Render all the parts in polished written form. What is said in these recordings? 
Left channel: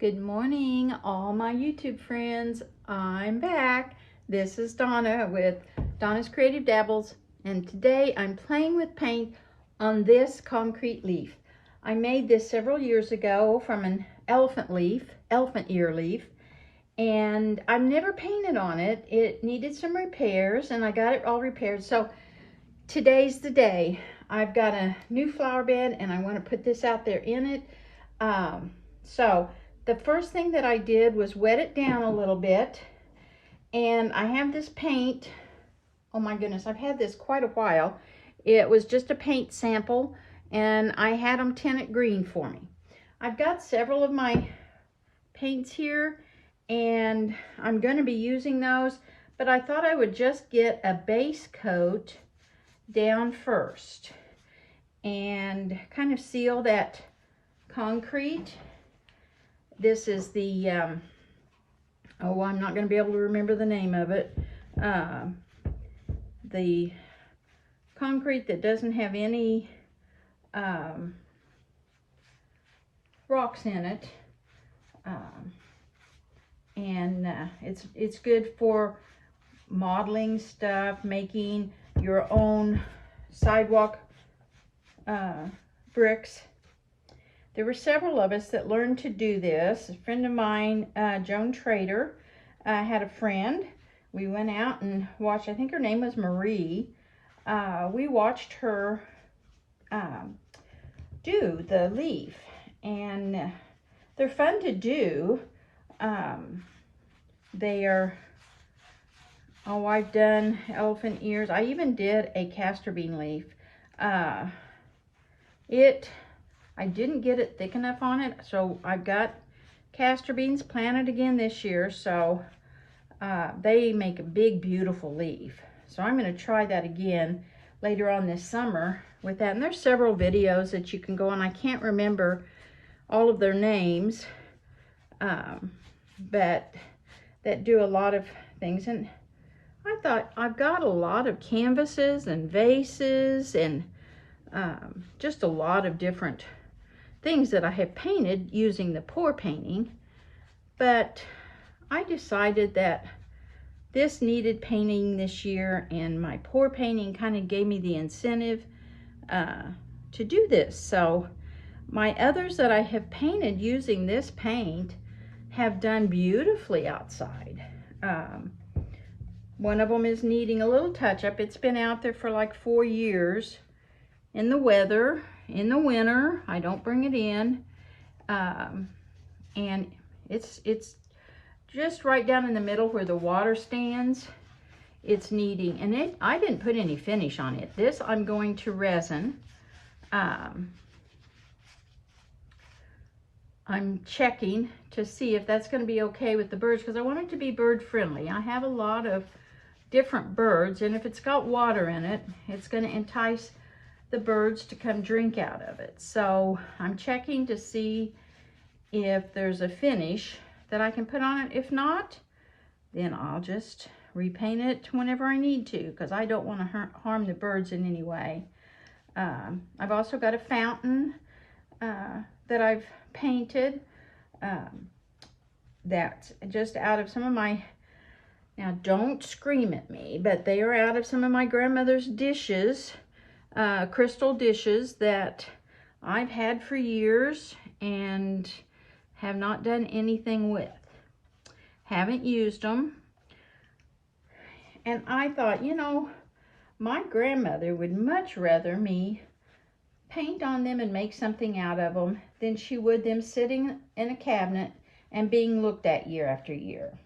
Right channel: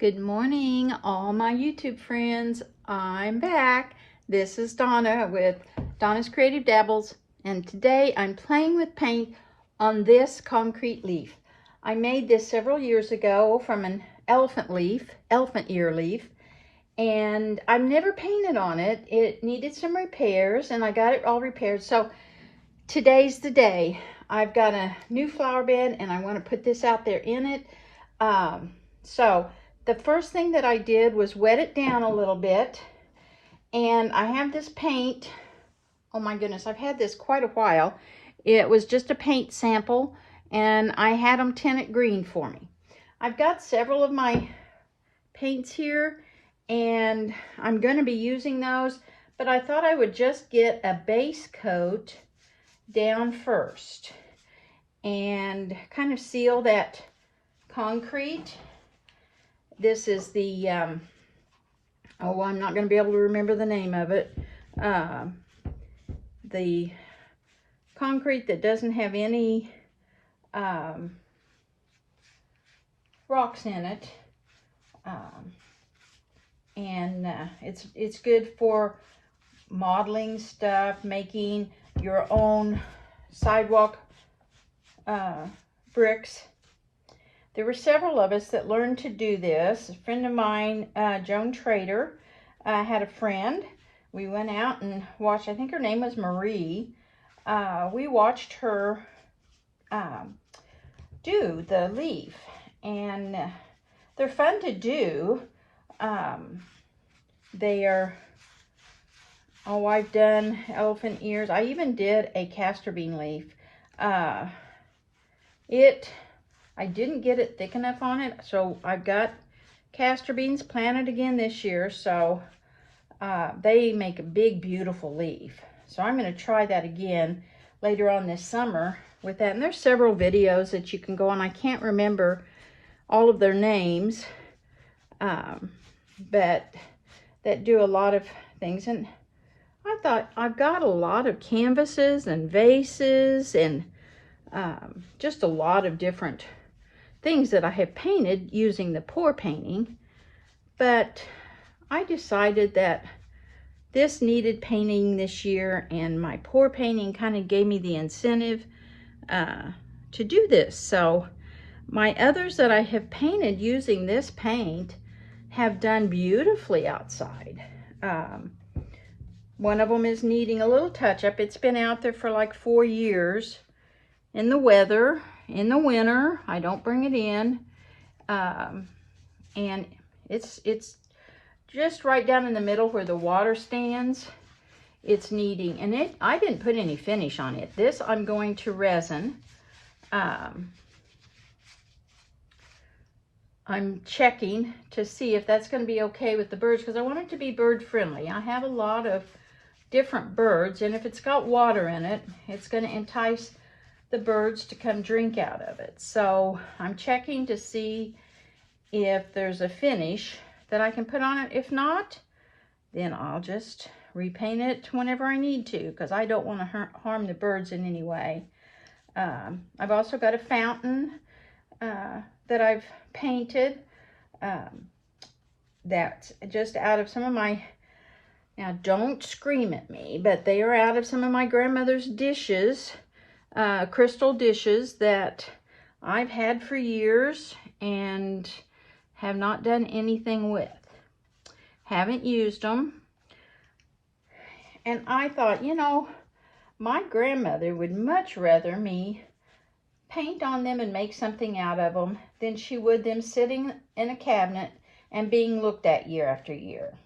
Good morning, all my YouTube friends. I'm back. This is Donna with Donna's Creative Dabbles, and today I'm playing with paint on this concrete leaf. I made this several years ago from an elephant ear leaf, and I've never painted on it. It needed some repairs, and I got it all repaired. So today's the day. I've got a new flower bed, and I want to put this out there in it. The first thing that I did was wet it down a little bit, and I have this paint. Oh my goodness, I've had this quite a while. It was just a paint sample, and I had them tint it green for me. I've got several of my paints here, and I'm going to be using those, but I thought I would just get a base coat down first and kind of seal that concrete. This is the, oh, I'm not going to be able to remember the name of it. The concrete that doesn't have any rocks in it. It's good for modeling stuff, making your own sidewalk bricks. There were several of us that learned to do this. A friend of mine, Joan Trader, had a friend. We went out and watched, I think her name was Marie. We watched her do the leaf, and they're fun to do. They are, oh, I've done elephant ears. I even did a castor bean leaf. I didn't get it thick enough on it, so I've got castor beans planted again this year, so they make a big, beautiful leaf. So I'm going to try that again later on this summer with that. And there's several videos that you can go on. I can't remember all of their names, but that do a lot of things. And I thought I've got a lot of canvases and vases and just a lot of different things that I have painted using the pour painting, but I decided that this needed painting this year, and my pour painting kind of gave me the incentive to do this. So my others that I have painted using this paint have done beautifully outside. One of them is needing a little touch-up. It's been out there for like 4 years in the weather. In the winter, I don't bring it in, and it's just right down in the middle where the water stands. It's needing, and I didn't put any finish on it. This I'm going to resin. I'm checking to see if that's going to be okay with the birds, because I want it to be bird friendly. I have a lot of different birds, and if it's got water in it, it's going to entice the birds to come drink out of it. So I'm checking to see if there's a finish that I can put on it. If not, then I'll just repaint it whenever I need to, because I don't want to harm the birds in any way. I've also got a fountain that I've painted that's just out of some of my, now don't scream at me, but they are out of some of my grandmother's dishes, crystal dishes that I've had for years and have not done anything with. Haven't used them. And I thought, you know, my grandmother would much rather me paint on them and make something out of them than she would them sitting in a cabinet and being looked at year after year.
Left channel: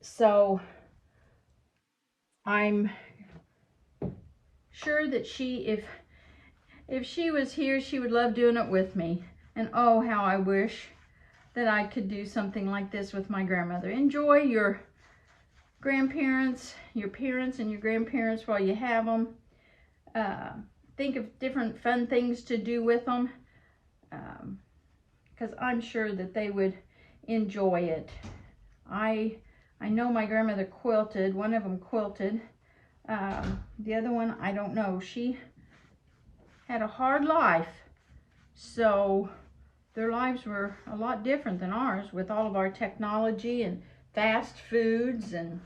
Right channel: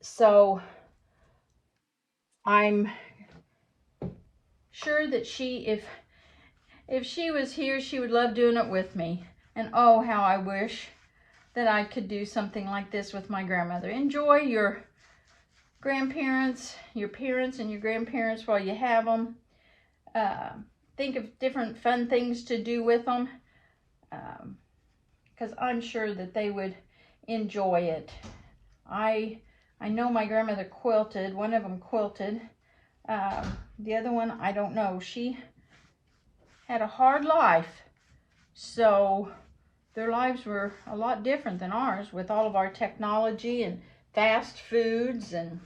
So I'm sure that if she was here, she would love doing it with me. And oh, how I wish that I could do something like this with my grandmother. Enjoy your grandparents, your parents, and your grandparents while you have them. Think of different fun things to do with them, because I'm sure that they would enjoy it. I know my grandmother quilted. One of them quilted. The other one, I don't know. She had a hard life, so their lives were a lot different than ours with all of our technology and fast foods and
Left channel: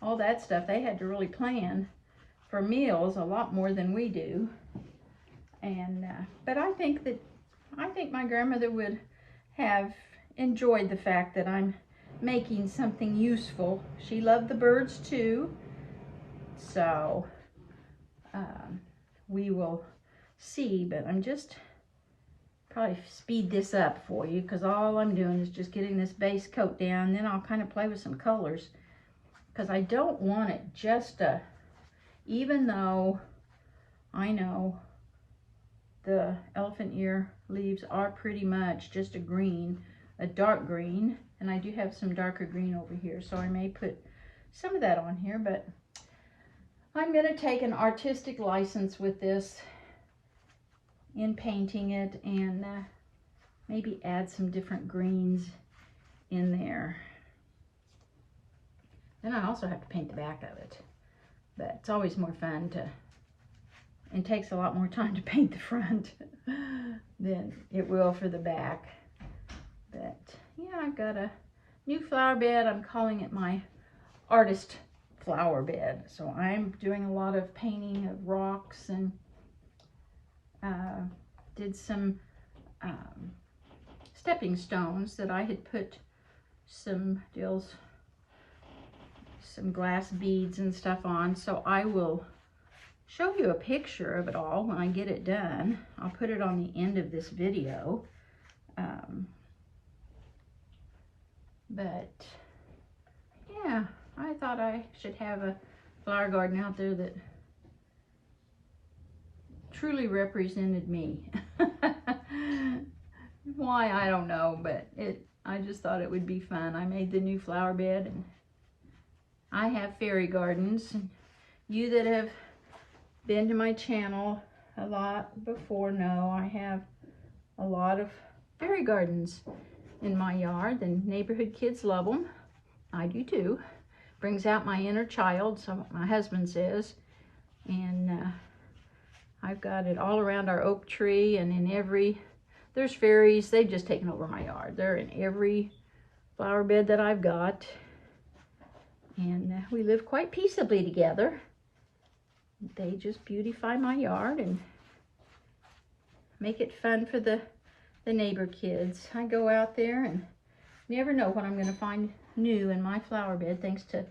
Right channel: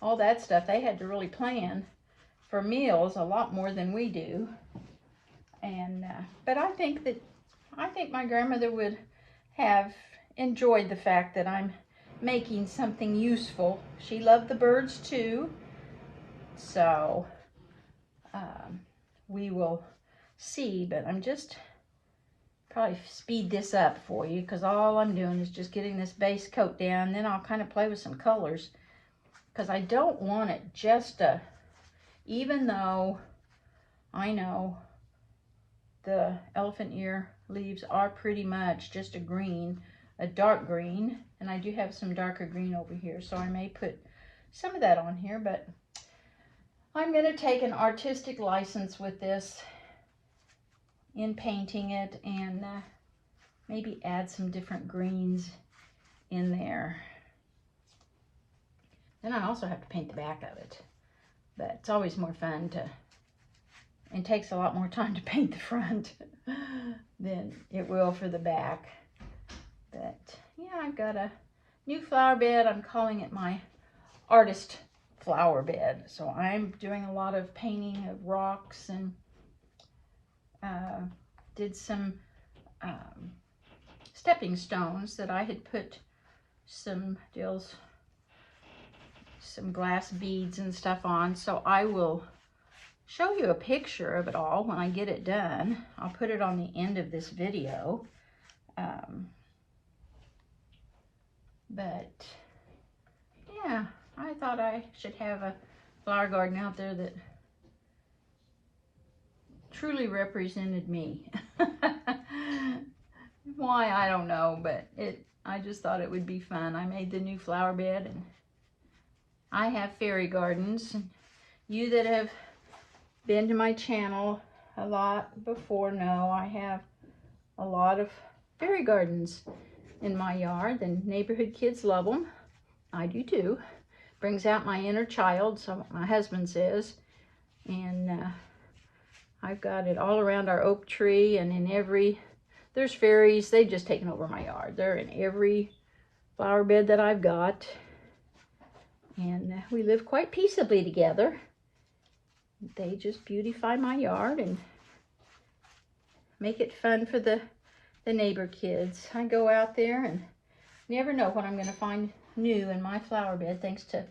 all that stuff. They had to really plan for meals a lot more than we do. And but I think my grandmother would have enjoyed the fact that I'm making something useful. She loved the birds too. So we will see, but I'm just probably speed this up for you because all I'm doing is just getting this base coat down. Then I'll kind of play with some colors because I don't want it just a, even though I know the elephant ear leaves are pretty much just a green, a dark green, and I do have some darker green over here, so I may put some of that on here, but I'm going to take an artistic license with this in painting it and maybe add some different greens in there. Then I also have to paint the back of it, but it's always more fun to, it takes a lot more time to paint the front than it will for the back. But yeah, I've got a new flower bed. I'm calling it my artist flower bed. So I'm doing a lot of painting of rocks and did some stepping stones that I had put some glass beads and stuff on. So I will show you a picture of it all when I get it done. I'll put it on the end of this video. But yeah, I thought I should have a flower garden out there that truly represented me. Why, I don't know, but I just thought it would be fun. I made the new flower bed, and I have fairy gardens. You that have been to my channel a lot before know I have a lot of fairy gardens in my yard. The neighborhood kids love them. I do too. Brings out my inner child, so my husband says. And I've got it all around our oak tree, and in every, there's fairies. They've just taken over my yard. They're in every flower bed that I've got. And we live quite peaceably together. They just beautify my yard and make it fun for the neighbor kids. I go out there and never know what I'm going to find new in my flower bed, thanks to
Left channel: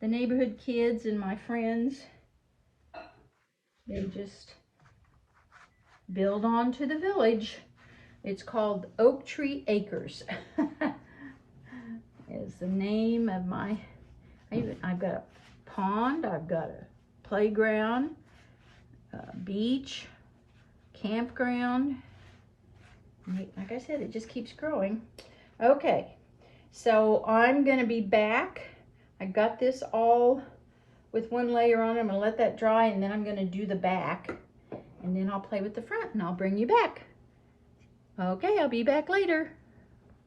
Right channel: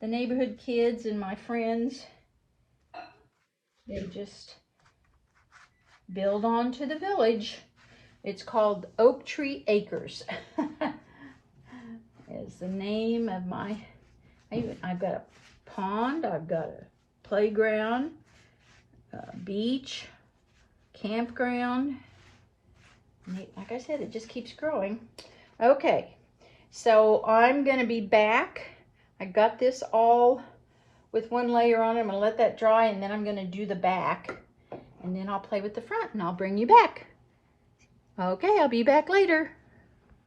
the neighborhood kids and my friends. They just build on to the village. It's called Oak Tree Acres. Is the name of my, I've got a pond, I've got a playground, beach, campground. Like I said, it just keeps growing. Okay, so I'm going to be back. I got this all with one layer on. I'm going to let that dry, and then I'm going to do the back, and then I'll play with the front, and I'll bring you back. Okay, I'll be back later.